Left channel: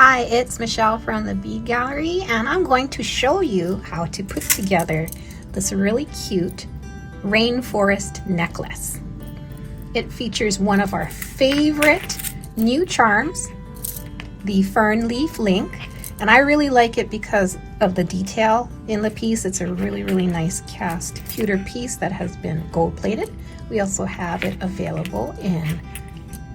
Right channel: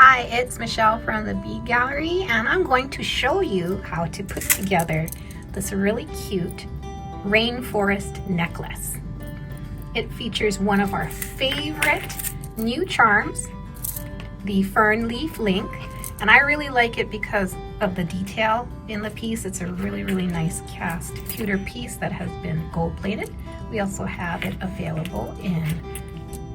Hi, it's Michelle from the Bead Gallery, and I'm going to show you how to put together this really cute rainforest necklace. It features one of our favorite new charms, the Fern Leaf Link, and I really like it because of the detail in the piece. It's a really nice cast pewter piece that has been gold plated. We also have it available in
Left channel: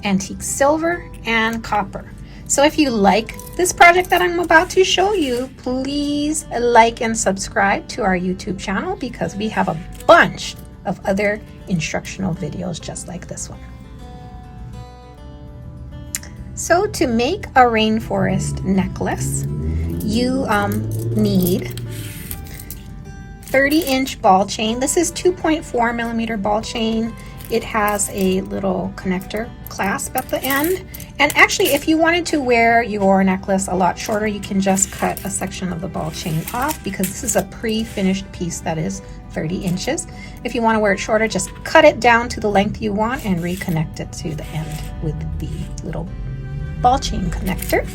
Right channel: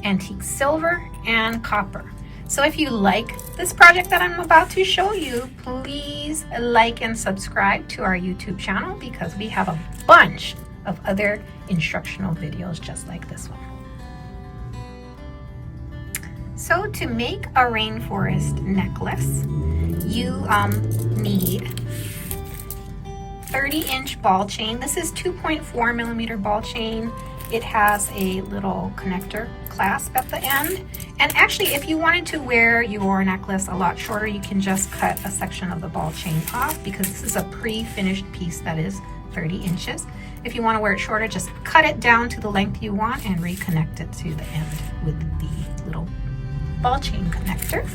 antique silver and copper. So if you like this project that I'm about to show you, please like and subscribe to our YouTube channel because we have a bunch of other instructional videos just like this one. So to make a rainforest necklace, you need 30-inch ball chain. This is 2.4 millimeter ball chain. It has a little connector clasp at the end. And actually, if you wanted to wear your necklace a lot shorter, you can just cut a section of the ball chain off because this is a pre-finished piece that is 30 inches. If you want to wear it shorter, just cut it down to the length you want and reconnect it to the end with the little ball chain connector.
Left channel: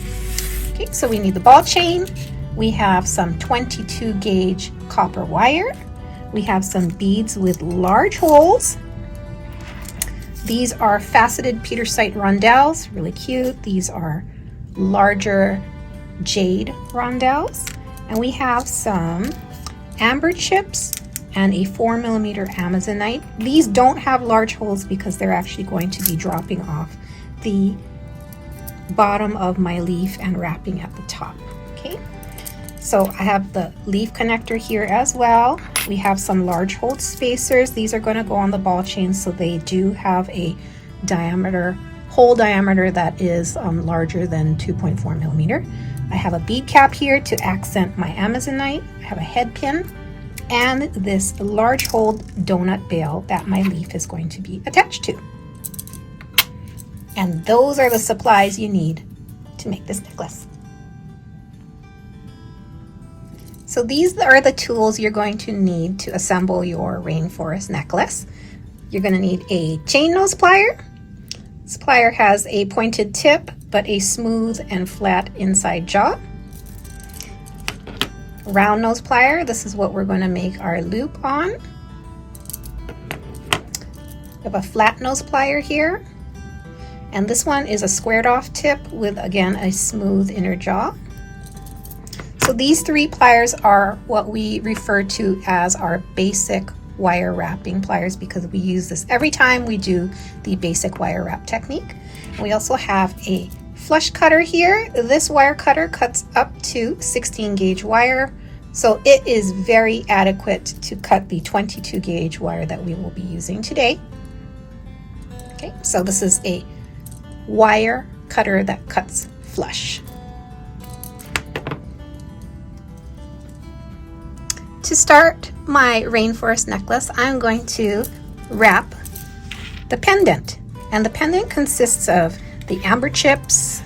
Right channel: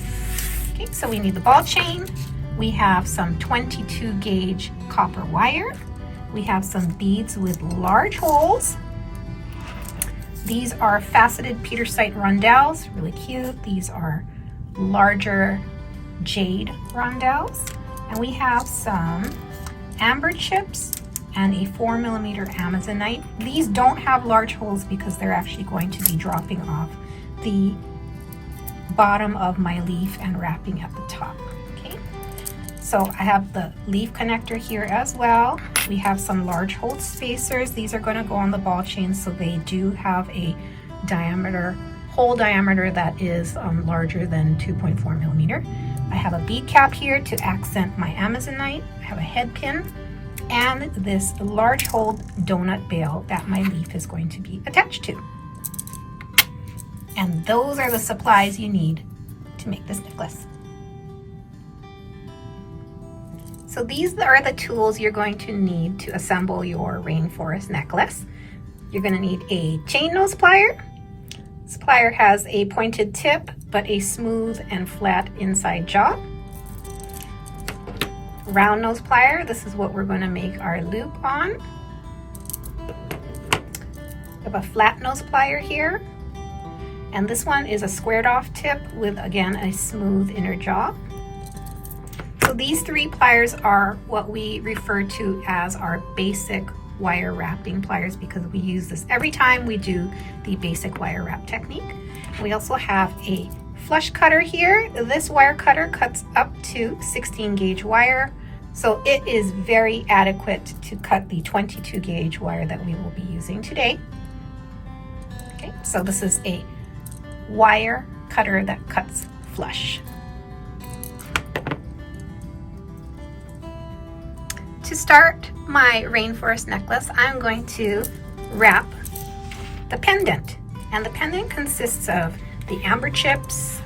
Okay, so we need the ball chain. We have some 22 gauge copper wire. We have some beads with large holes. These are faceted Petersite rondelles, really cute. These are larger jade rondelles. And we have some amber chips and a 4 millimeter Amazonite. These don't have large holes because they're actually going to be dropping off the bottom of my leaf and wrapping at the top. Okay, so I have the leaf connector here as well. We have some large hole spacers. These are going to go on the ball chain, so they do have a hole diameter that is larger than 2.4 millimeter. I have a bead cap here to accent my Amazonite. I have a head pin and this large hole donut bail that my leaf is going to be attached to. And those are the supplies you need to make this necklace. So these are the tools you're going to need to assemble your rainforest necklace. You're going to need a chain nose plier. This plier has a pointed tip but a smooth and flat inside jaw. Round nose plier, this is what we're going to make our loop on. We have a flat nose plier here. And this one is a squared off tip with, again, a smooth inner jaw. So these three pliers are what we refer to as our basic wire wrapping pliers because we use this every time we do the basic wire wrap technique. We also have a flush cutter here. This wire cutter cuts up to 16 gauge wire. So it is very adequate to cut the 22 gauge wire that we will be using today. Okay, so this is a wire cutter that cuts flush. To start my rainforest necklace, I'm going to wrap the pendant. And the pendant consists of the amber chips,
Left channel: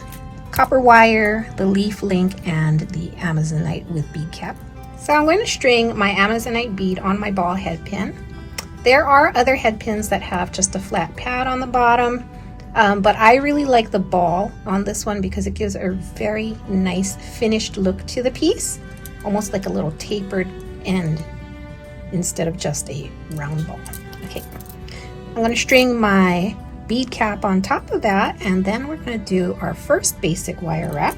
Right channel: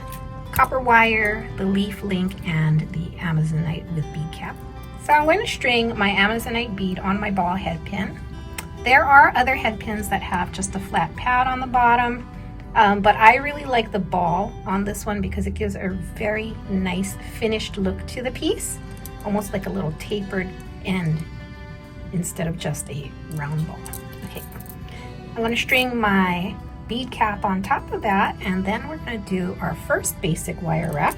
copper wire, the leaf link, and the Amazonite with bead cap. So I'm going to string my Amazonite bead on my ball head pin. There are other head pins that have just a flat pad on the bottom. But I really like the ball on this one because it gives a very nice finished look to the piece, almost like a little tapered end instead of just a round ball. Okay, I'm going to string my bead cap on top of that, and then we're going to do our first basic wire wrap.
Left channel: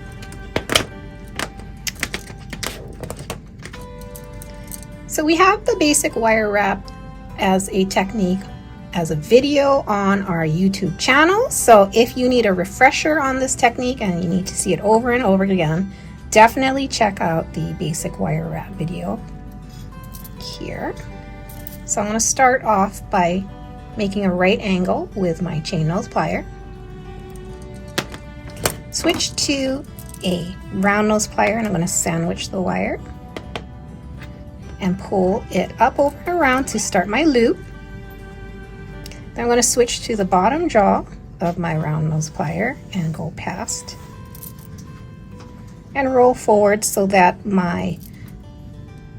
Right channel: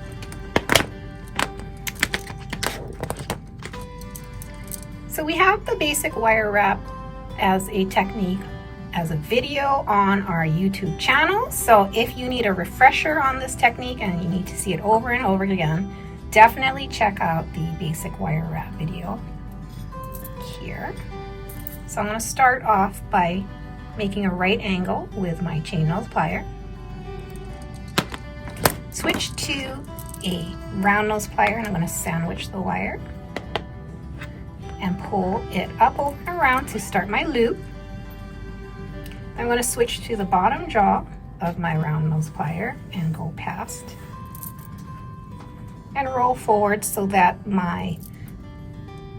So we have the basic wire wrap as a technique as a video on our YouTube channel. So if you need a refresher on this technique and you need to see it over and over again, definitely check out the basic wire wrap video here. So I'm going to start off by making a right angle with my chain nose plier. Switch to a round nose plier and I'm going to sandwich the wire and pull it up over and around to start my loop. I'm going to switch to the bottom jaw of my round nose plier and go past and roll forward so that my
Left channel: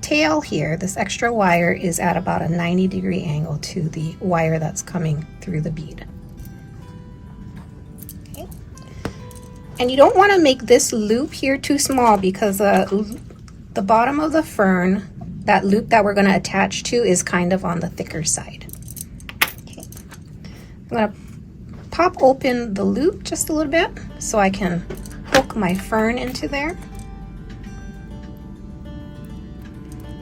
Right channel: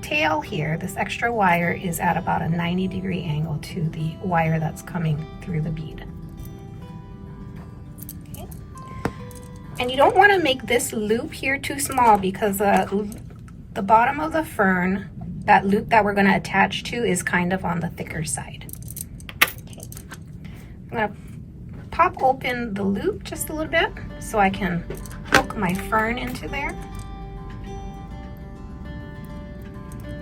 tail here, this extra wire, is at about a 90-degree angle to the wire that's coming through the bead. Okay. And you don't want to make this loop here too small because the bottom of the fern, that loop that we're going to attach to, is kind of on the thicker side. Okay. I'm going to pop open the loop just a little bit so I can hook my fern into there.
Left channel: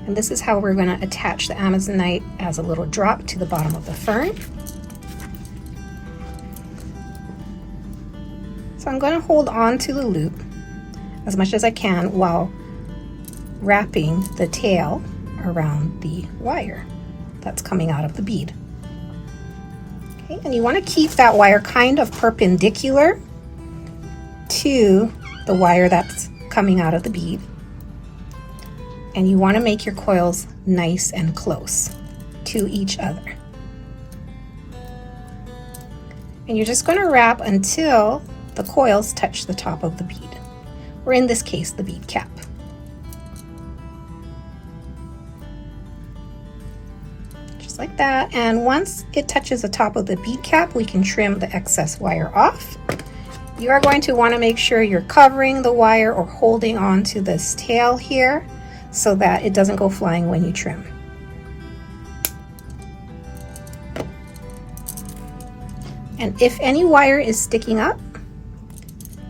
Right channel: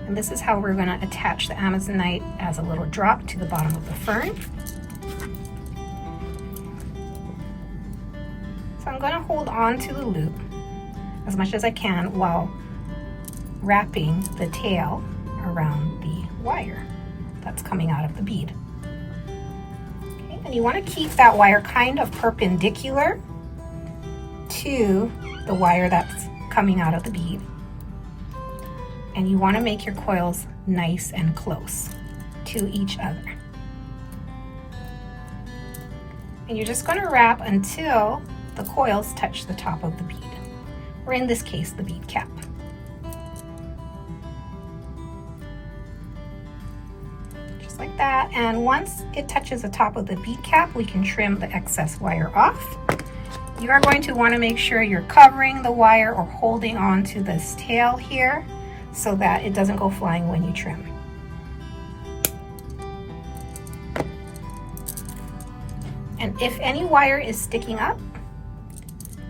And this is how we're going to attach the Amazonite as a little drop to the bottom of the fern. So I'm going to hold on to the loop as much as I can while wrapping the tail around the wire that's coming out of the bead. Okay, and you want to keep that wire kind of perpendicular to the wire that's coming out of the bead. And you want to make your coils nice and close to each other. And you're just going to wrap until the coils touch the top of the bead, or in this case, the bead cap. Just like that. And once it touches the top of the bead cap, we can trim the excess wire off. You are going to want to make sure you're covering the wire or holding on to this tail here so that it doesn't go flying when you trim. And if any wire is sticking up,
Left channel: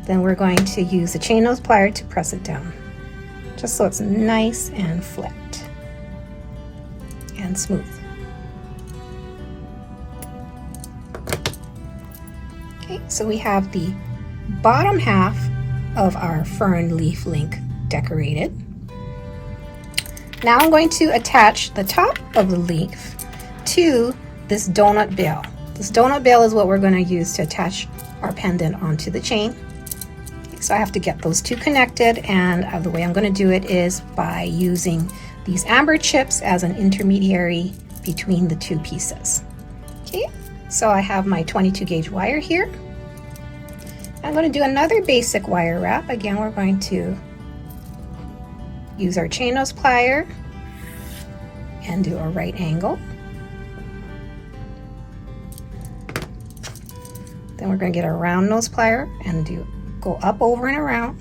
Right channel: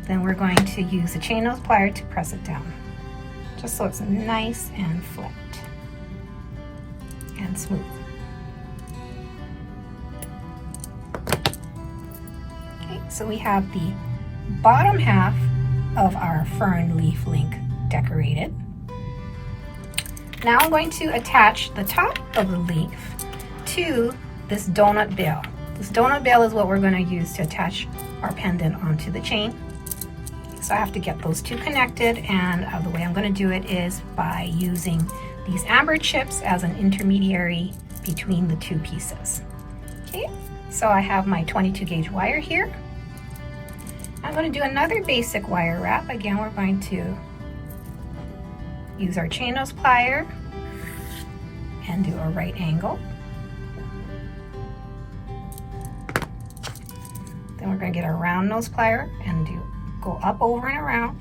then we're going to use a chain nose plier to press it down, just so it's nice and flat and smooth. Okay, so we have the bottom half of our fern leaf link decorated. Now I'm going to attach the top of the leaf to this donut bill. This donut bill is what we're going to use to attach our pendant onto the chain. So I have to get those two connected, and the way I'm going to do it is by using these amber chips as an intermediary between the two pieces. Okay, so I have my 22 gauge wire here. I'm going to do another basic wire wrap. Again, we're going to use our chain nose plier and do a right angle. Then we're going to get our round nose plier and go up, over, and around.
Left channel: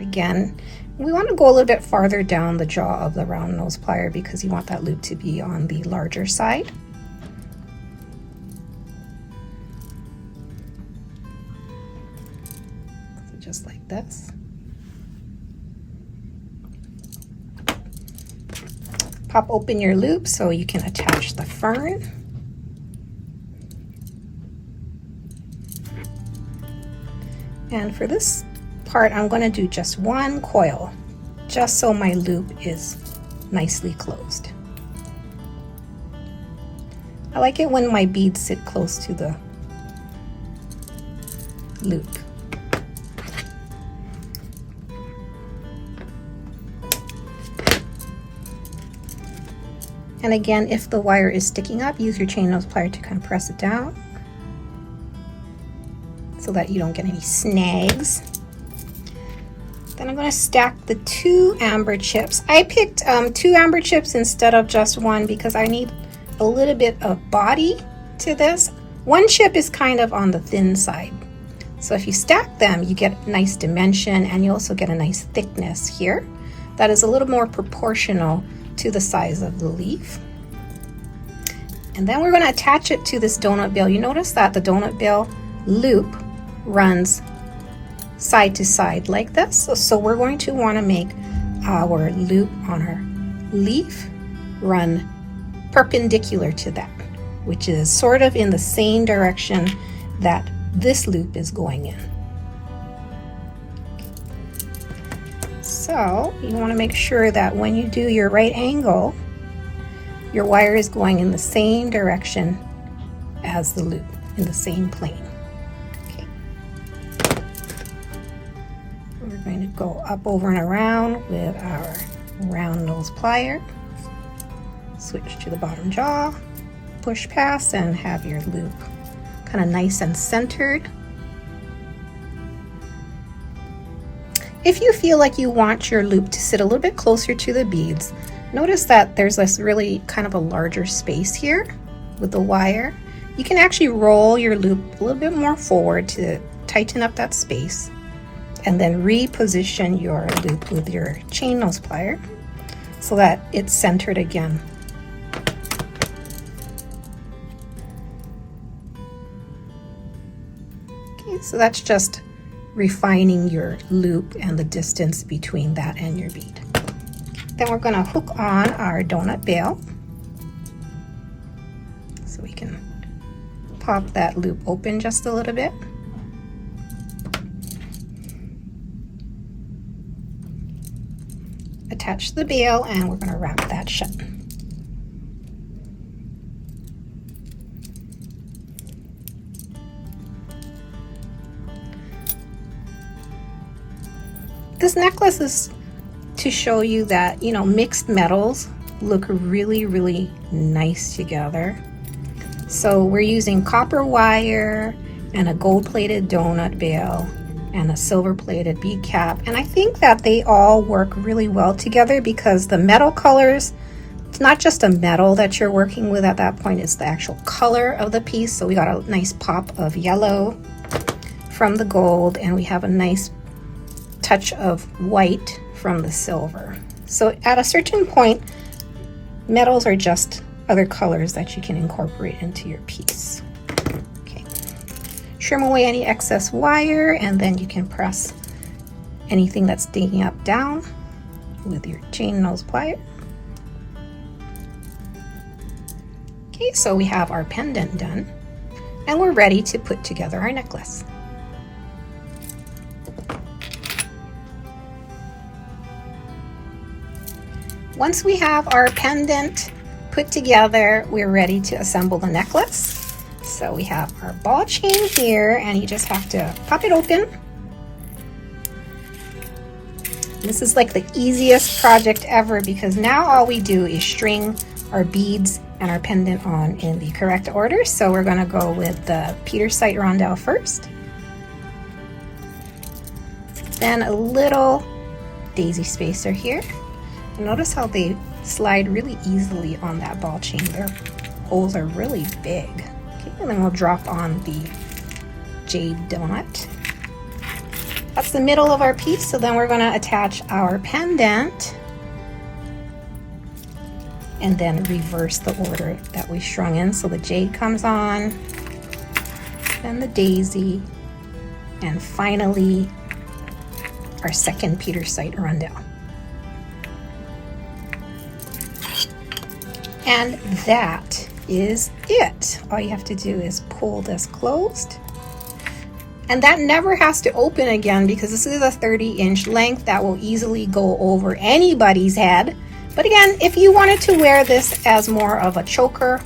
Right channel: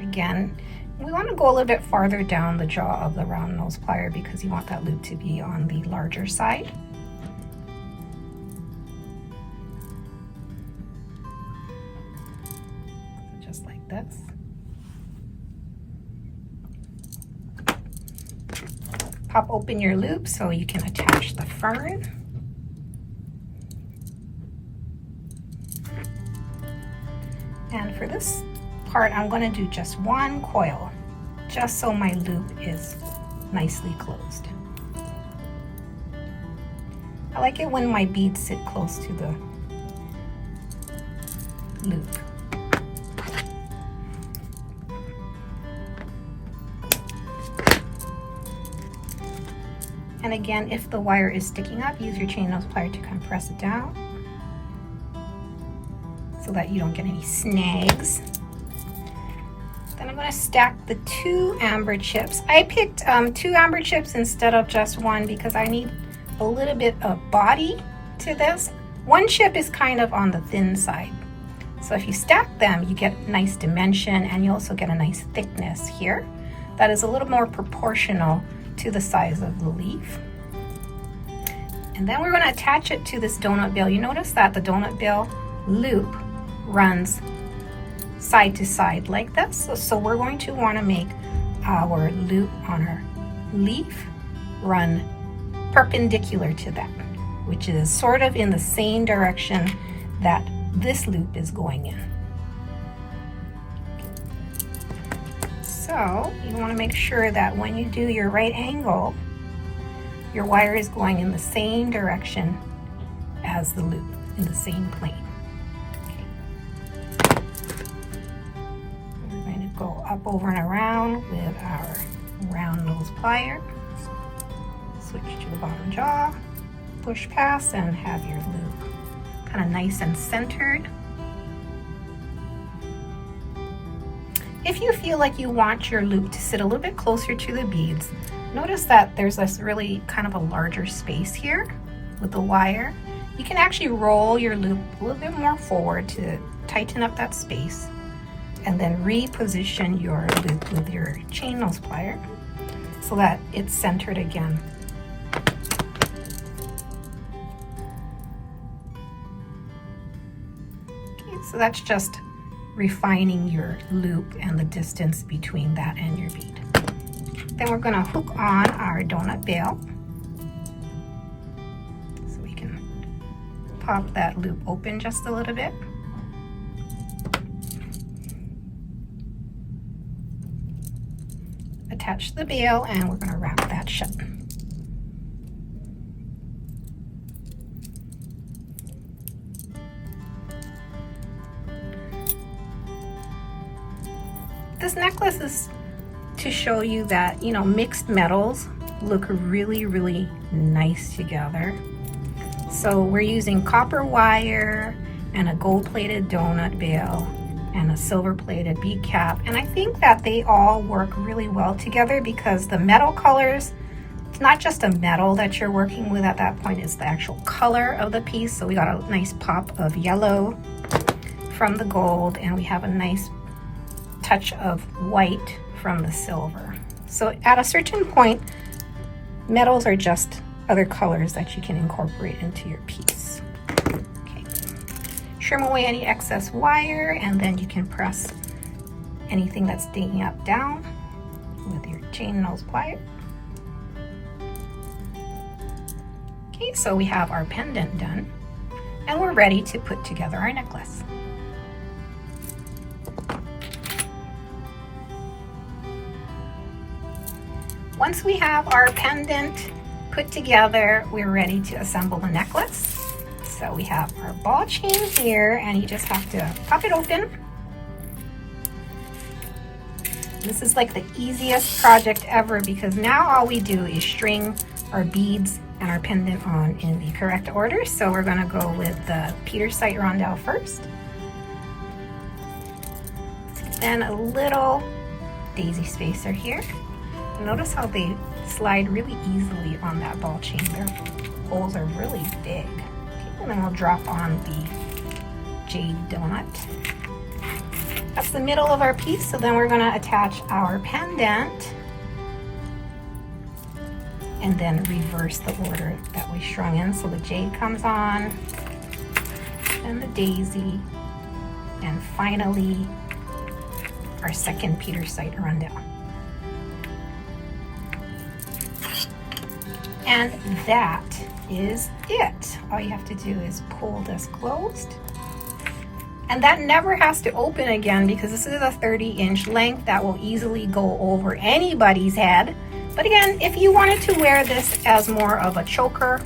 Again, we want to go a little bit farther down the jaw of the round nose plier because you want that loop to be on the larger side. So just like this. Pop open your loop so you can attach the fern. And for this part, I'm going to do just one coil, just so my loop is nicely closed. I like it when my beads sit close to the loop. And again, if the wire is sticking up, use your chain nose plier to kind of press it down so that you don't get any snags. Then I'm going to stack the two amber chips. I picked two amber chips instead of just one because I need a little bit of body to this. One chip is kind of on the thin side. So if you stack them, you get nice dimension, and you also get a nice thickness here that is a little more proportional to the size of the leaf. And then we're going to attach it to this donut bill. You notice that the donut bill loop runs side to side like this. So we're going to want to make our loop on our leaf run perpendicular to that, which is sort of in the same direction that this loop is going in. So you want to make sure that when you do your right angle, your wire is going in the same direction as the loop, in the same plane. Go up, over, and around with our round nose plier. Switch to the bottom jaw, push past, and have your loop kind of nice and centered. If you feel like you want your loop to sit a little bit closer to the beads, notice that there's this really kind of a larger space here with the wire. You can actually roll your loop a little bit more forward to tighten up that space. and then reposition your loop with your chain nose plier so that it's centered again. Okay, so that's just refining your loop and the distance between that and your bead. Then we're going to hook on our donut bail. So we can pop that loop open just a little bit. Attach the bail, and we're going to wrap that shut. This necklace is to show you that, you know, mixed metals look really, really nice together. So we're using copper wire and a gold-plated donut bail and a silver-plated bead cap, and I think that they all work really well together because the metal colors, it's not just a metal that you're working with at that point, it's the actual color of the piece. So we got a nice pop of yellow from the gold, and we have a nice touch of white from the silver. So at a certain point, metals are just other colors that you can incorporate into your piece. Okay. Trim away any excess wire, and then you can press anything that's sticking up down with your chain nose plier. Okay, so we have our pendant done, and we're ready to put together our necklace. Once we have our pendant put together, we're ready to assemble the necklace. So we have our ball chain here, and you just have to pop it open. This is like the easiest project ever because now all we do is string our beads and our pendant on in the correct order. So we're going to go with the Petersite rondelle first, and a little daisy spacer here. Notice how they slide really easily on that ball chain. Their holes are really big. Okay, and then we'll drop on the jade donut. That's the middle of our piece, so then we're going to attach our pendant and then reverse the order that we strung in. So the jade comes on, then the daisy, and finally our second Petersite rondelle. And that is it. All you have to do is pull this closed. And that never has to open again because this is a 30-inch length that will easily go over anybody's head. But again, if you wanted to wear this as more of a choker,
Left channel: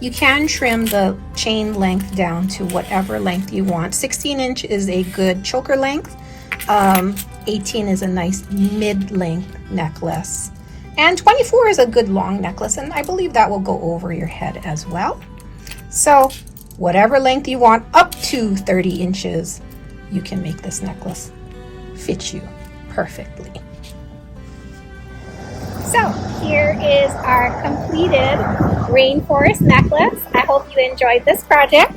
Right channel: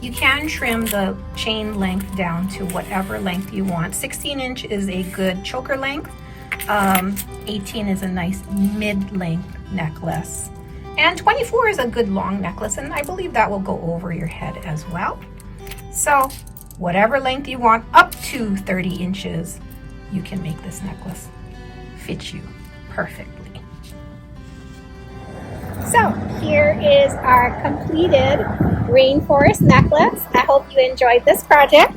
you can trim the chain length down to whatever length you want. 16 inch is a good choker length. 18 is a nice mid-length necklace. And 24 is a good long necklace, and I believe that will go over your head as well. So whatever length you want, up to 30 inches, you can make this necklace fit you perfectly. So here is our completed rainforest necklace. I hope you enjoyed this project.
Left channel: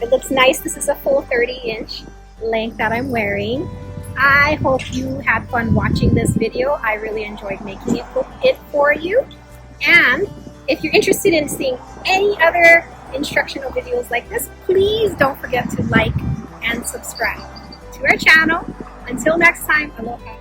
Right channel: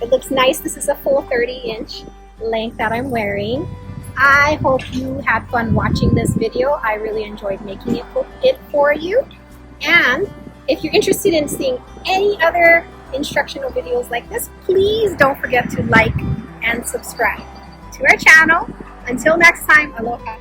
It looks nice. This is a full 30-inch length that I'm wearing. I hope you had fun watching this video. I really enjoyed making it for you. And if you're interested in seeing any other instructional videos like this, please don't forget to like and subscribe to our channel. Until next time, aloha.